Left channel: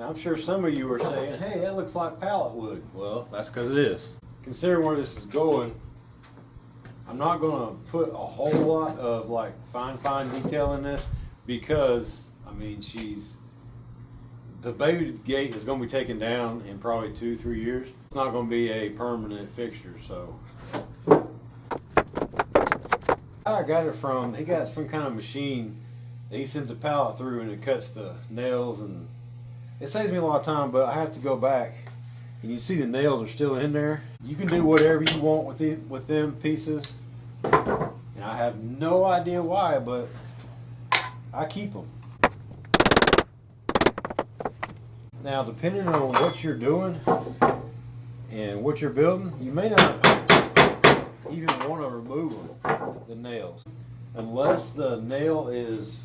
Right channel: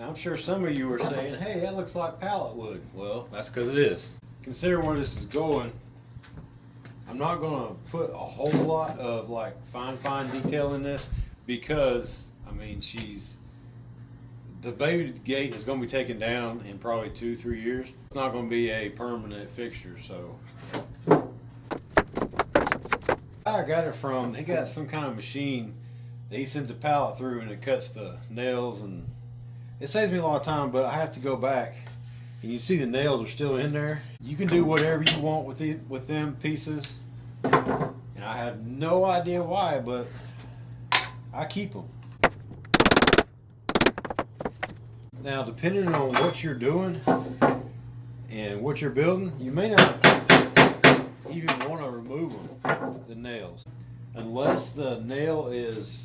And I'm sure some of you are saying, hey, that looks like pallet wood. Well, that's because it is. Considering where this is going, I'm not going to put a whole lot of like fine detail in this because, I mean, the baby gate is going to be taken down in probably 2-3 years. It's not going to be a permanent fixture, so. I got it from, he got some kind of machine that he sends a pallet through and it cuts the nails, and it saves me a lot of time, but I have to go back and you see the nails are still in there. You can do whatever you want with them pieces, and I have no idea why, but I keep them. Now, depending on what you're doing and what you're building, you may not even want to remove them, the nails, unless the nail is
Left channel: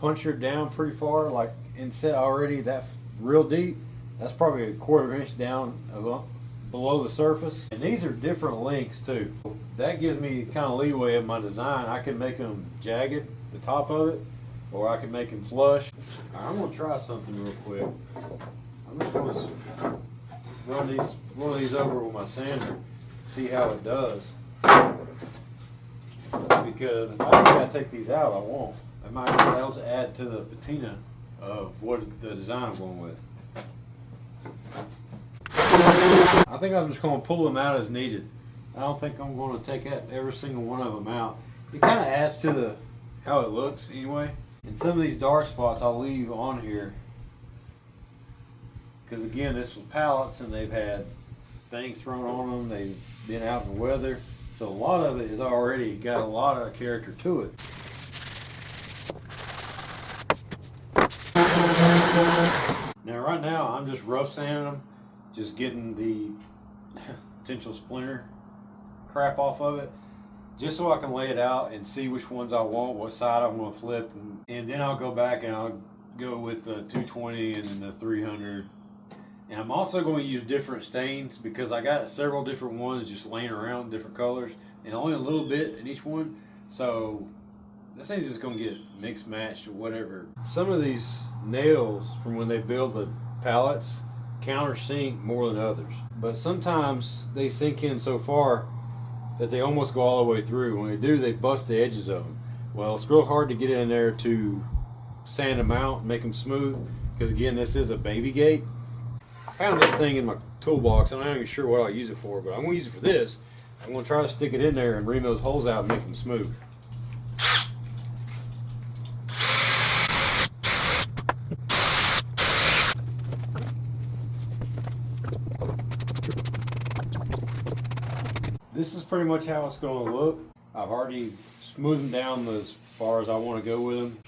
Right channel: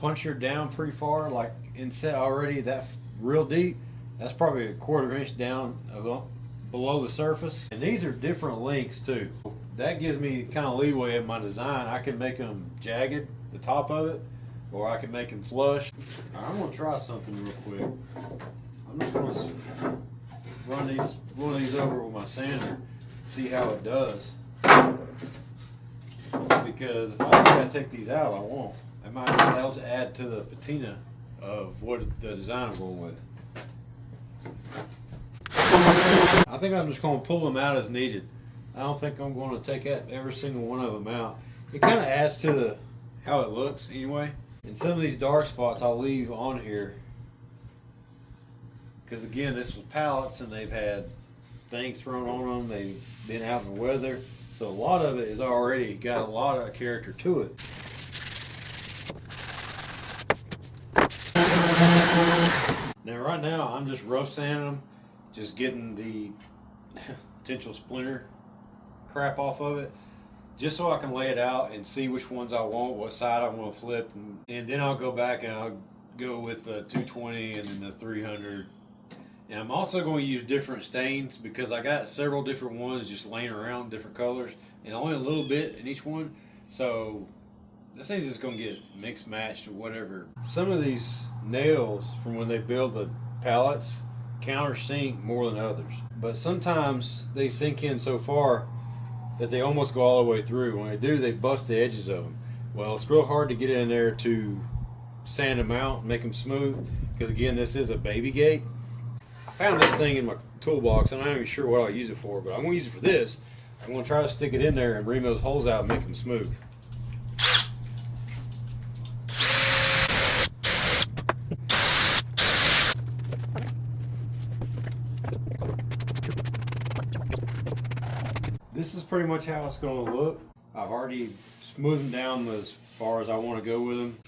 punctured down pretty far, like inset already that real deep. That's probably 1/4 inch down below the surface. And these are different lengths too. That gives me kind of leeway in my design. I can make them jagged, the top of it, or I can make them flush. I'm gonna try something real quick. I'm just gonna run one of these over with my sander, see how it does. Because if I gotta take these out, I won't. I might be able to add to the patina of what the design I'm going with. I think I'm just going to pull them out as needed. I don't think I'm going to take every single one of them out. It kind of adds to how it looks anyway. And some of these dark spots I'll leave on here because, again, this was pallets and they've had things thrown on them. They've been out in the weather, so a lot of it is already got a lot of character to it. Now right now I'm just rough sanding them, just getting the potential splinter crap off of it, just so I can lay it out and see which ones I want, what side I want to flip, and then I'll go back and I'll go with the 220 and then the 300. And I'm also going to use different stains because I got several different ones just laying around, different colors, and only a little bit in each one. So this thing's just going to get mixed matched or whatever. Some of these nails from when they build the pallets countersink more than others. But sometimes they sink in so far that they almost go all the way through. When they do, they bust the edges of them. Well, it's real hard to get in there to sand them out, make them smooth, because again, this is a baby gate. I found this thing in my toolbox. I'm not even sure what I'll use it for, but I'm going to use it for this. I'm going to try to stick it in there and ream those holes out and make them smooth. This is pretty much how it's going to look. I've already smoothed them down as far as I want to go with them,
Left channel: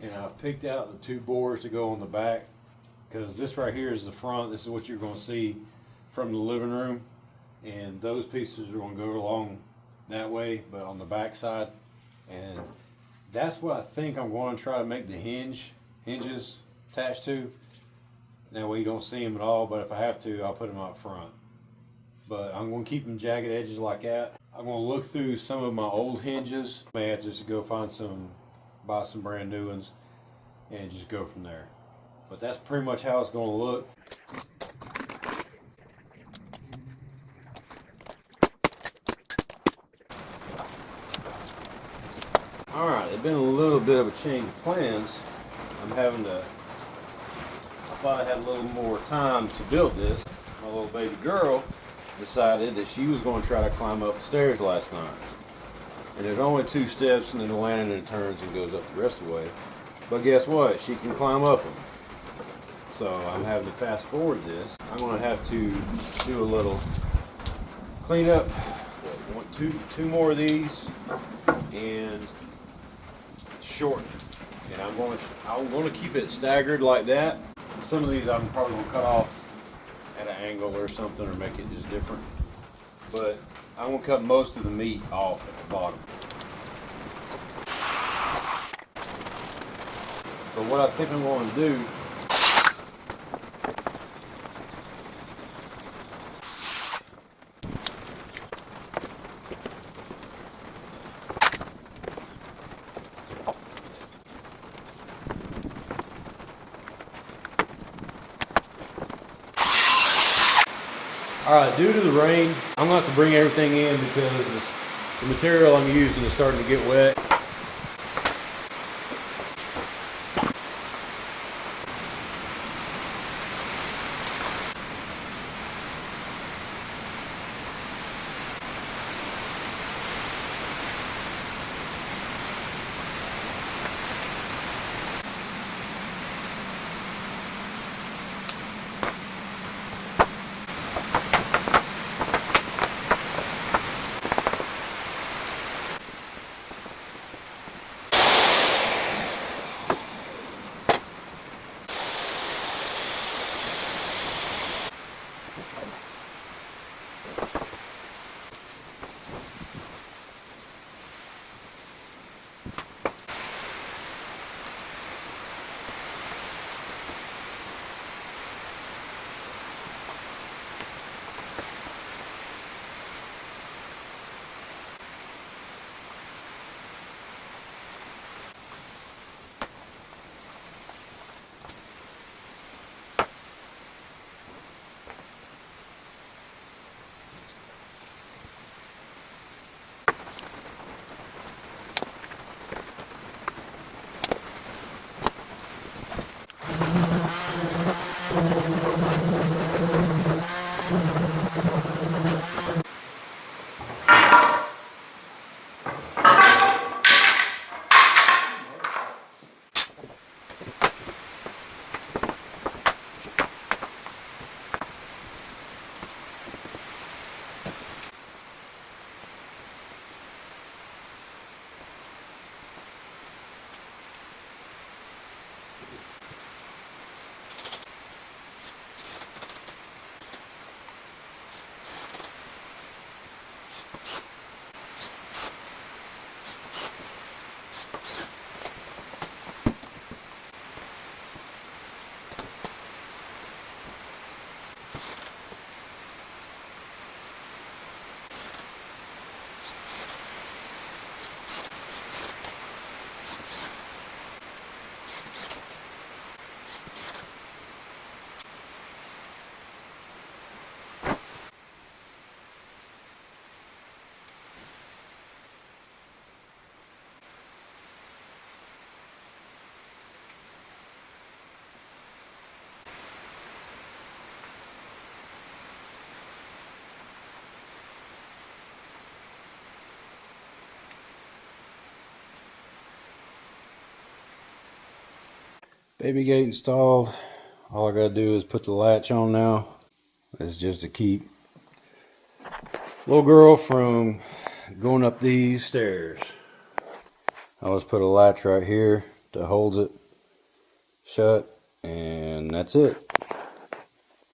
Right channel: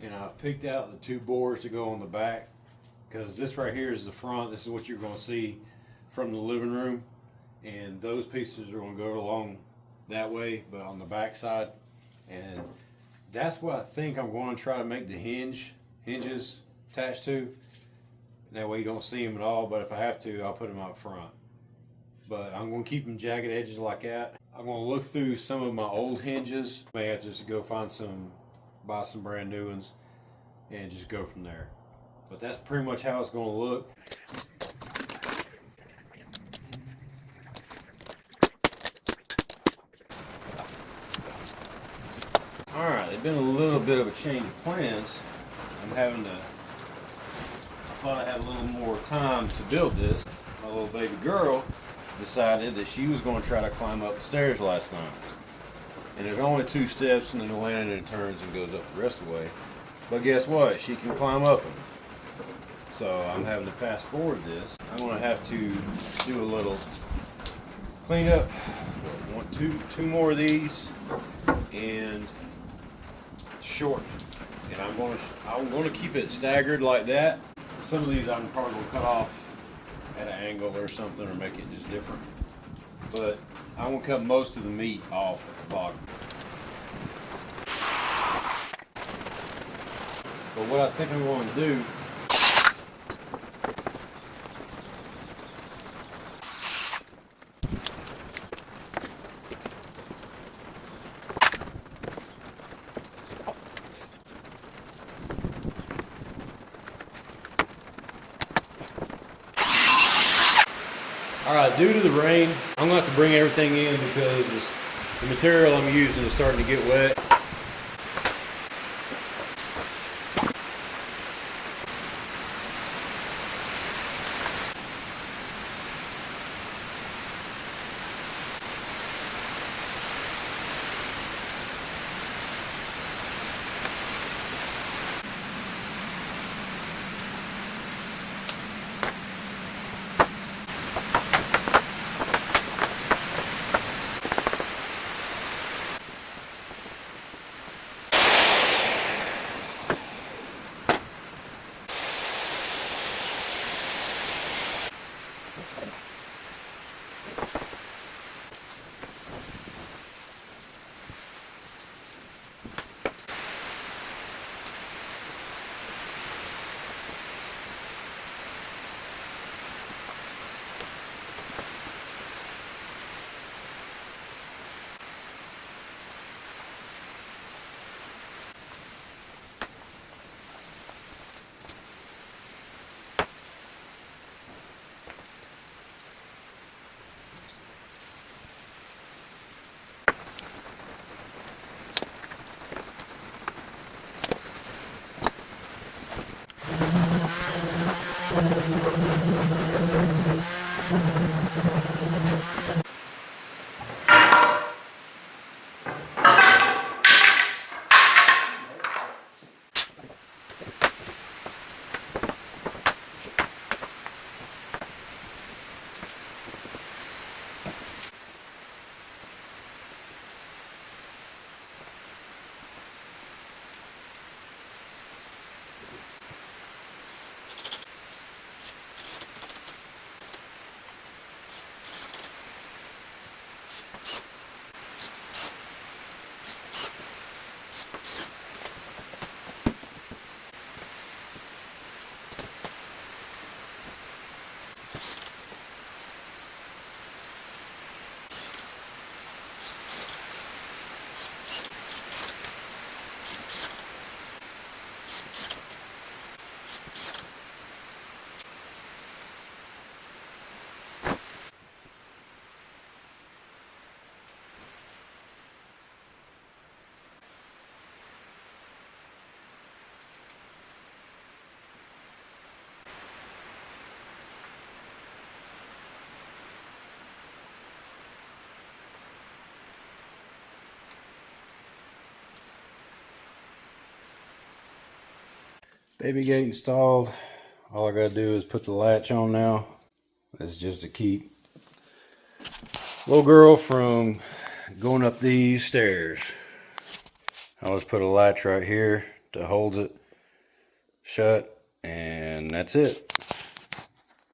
and I've picked out the 2 bores to go on the back, because this right here is the front. This is what you're going to see from the living room, and those pieces are going to go along that way, but on the back side. And that's what I think I'm going to try to make the hinges attached to. That way you don't see them at all, but if I have to, I'll put them up front. But I'm going to keep them jagged edges like that. I'm going to look through some of my old hinges. May have to just go buy some brand new ones and just go from there. But that's pretty much how it's going to look. Alright, it's been a little bit of a change of plans. I thought I had a little more time to build this. My little baby girl decided that she was going to try to climb up the stairs last night. And there's only 2 steps, and then the landing and it turns and goes up the rest of the way. But guess what? She can climb up them. So I'm having to fast forward this. I'm going to have to do a little cleanup. Two more of these and shorten. And I'm going to keep it staggered like that. Some of these I'm probably going to cut off at an angle or something, or make it just different. But I want to cut most of the meat off at the bottom. But what I think I'm going to do, All right, due to the rain, I'm going to have to bring everything in because the material I'm using is starting to get wet. Baby gate installed. All I gotta do is put the latch on now. It's just to keep little girl from going up these stairs. I'll just put a latch right here to hold it shut, and that's it.